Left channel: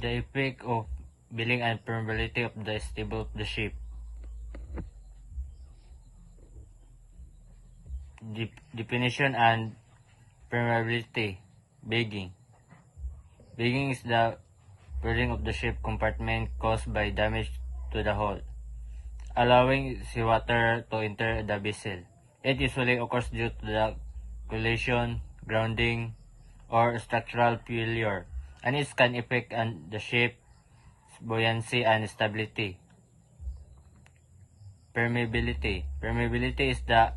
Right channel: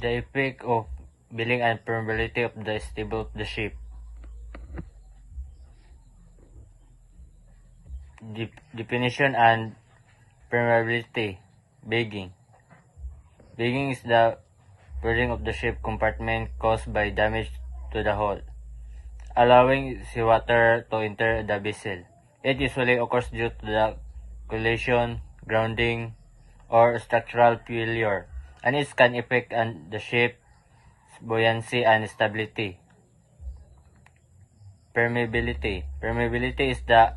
The effect of building and permeability of the stable of the ship. Definition and permeability. Bagging. Bagging is the flooding of the ship compartment caused by damage to the hull, allowing seawater to enter the vessel. It usually occurs due to the collision, grounding, or structural failure, and it can affect the ship's buoyancy and stability. Permeability. Permeability is the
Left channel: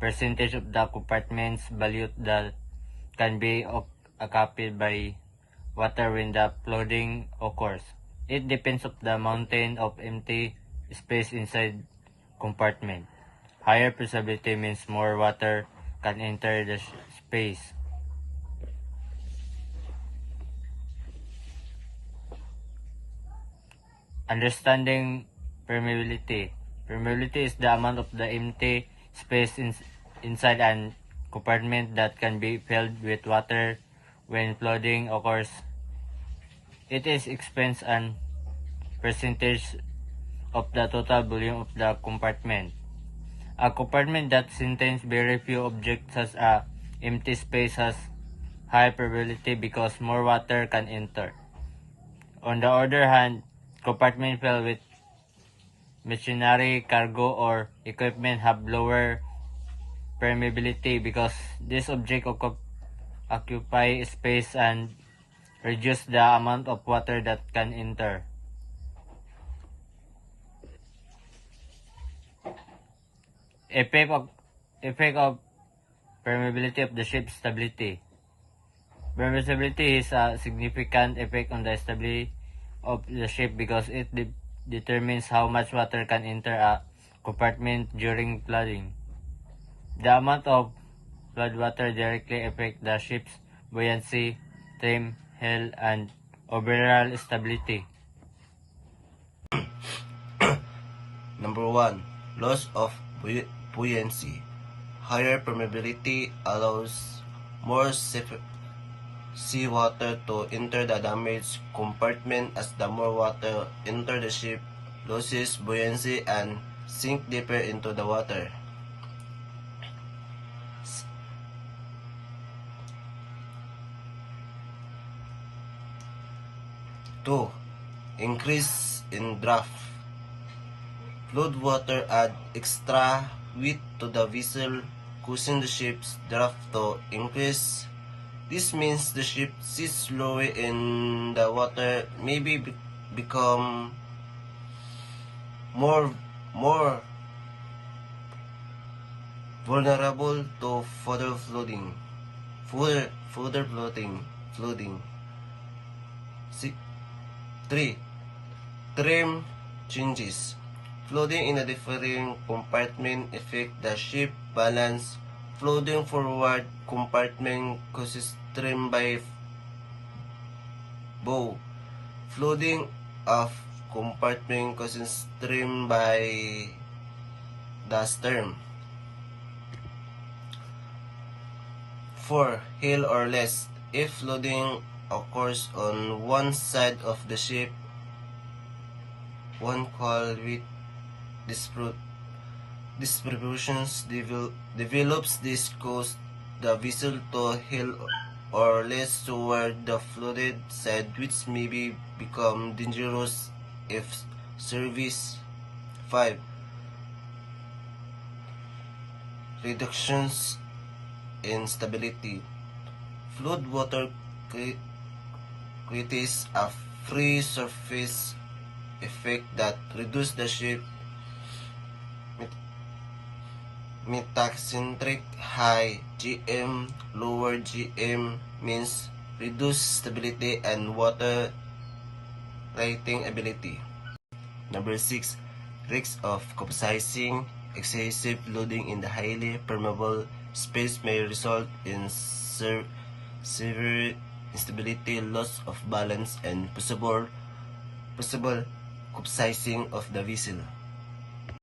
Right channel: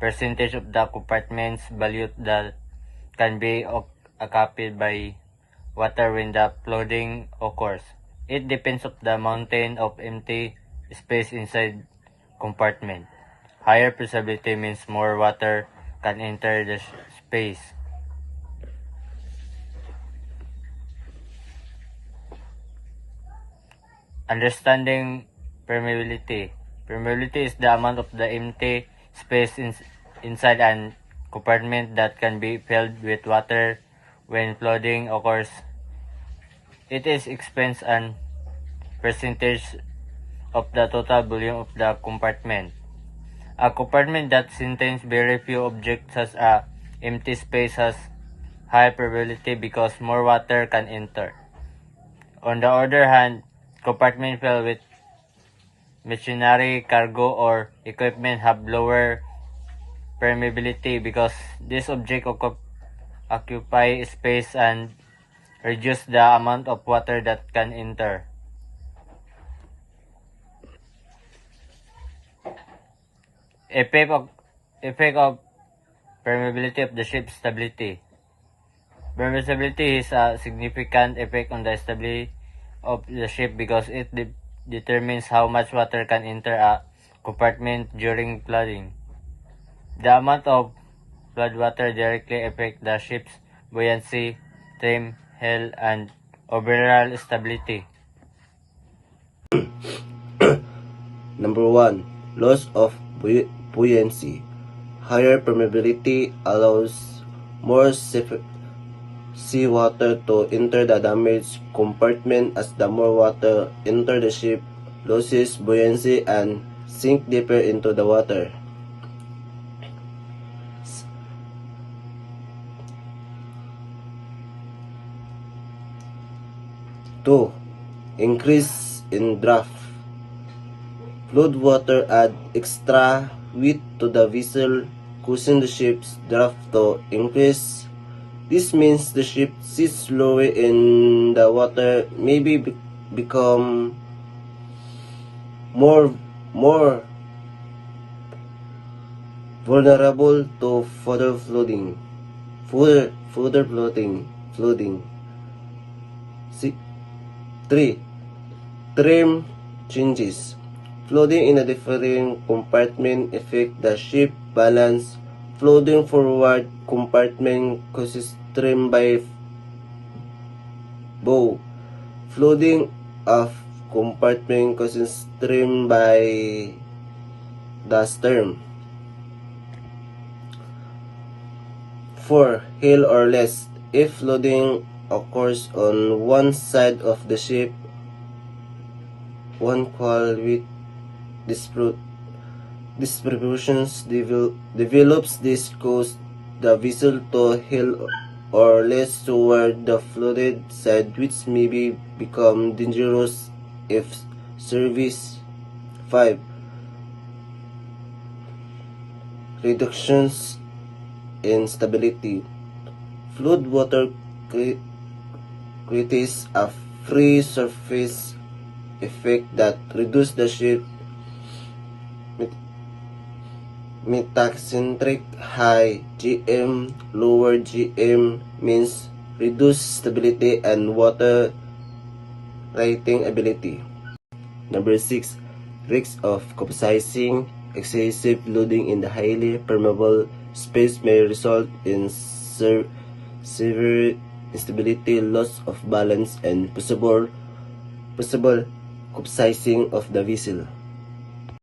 percentage of the compartment's volume that can be occupied by water when the flooding occurs. It depends on the amount of empty space inside compartment. Higher permeability means more water can enter the space. Understanding permeability. Permeability is the amount of the empty space inside an compartment that can be filled with water when flooding occurs. It is expense and percentage of the total volume of the compartment. A compartment that contains very few objects such as empty space has high probability because more water can enter. On the other hand, compartments filled with machinery, cargo, or equipment have lower permeability because these objects occupy space and reduce the amount of water that can enter. Effect of permeability of the ship's stability. Permeability is a significant effect on the stability of the ship because it determines how much water can enter a compartment during flooding. The amount of floodwater directly affects the ship's buoyancy, trim, health, and overall stability. Number 1. Loss of buoyancy. Higher permeability allows more seawater to enter the damaged compartment. As the more water enter the ship, loses buoyancy and sink deeper into the water. Two, increase in draft. Flood water add extra weight to the vessel, causing the ship's draft to increase. This means the ship sits lower in the water, maybe become more vulnerable to further flooding. 3. Trim changes. Flooding in a different compartment affect the ship balance. Flooding forward compartment causes trim by bow. Flooding off compartment causes trim by the stern. 4. Hill or less. If flooding occurs on one side of the ship, one qual with distributions develops. This causes the vessel to hill or less toward the flooded side, which may become dangerous if serviced. 5. Reductions in stability. Flood water creates a free surface effect that reduces the ship metacentric. High GM, lower GM means reduced stability and water righting ability. Number 6. Risks of capsizing. Excessive loading in the highly permeable space may result in severe instability, loss of balance, and possible capsizing of the vessel.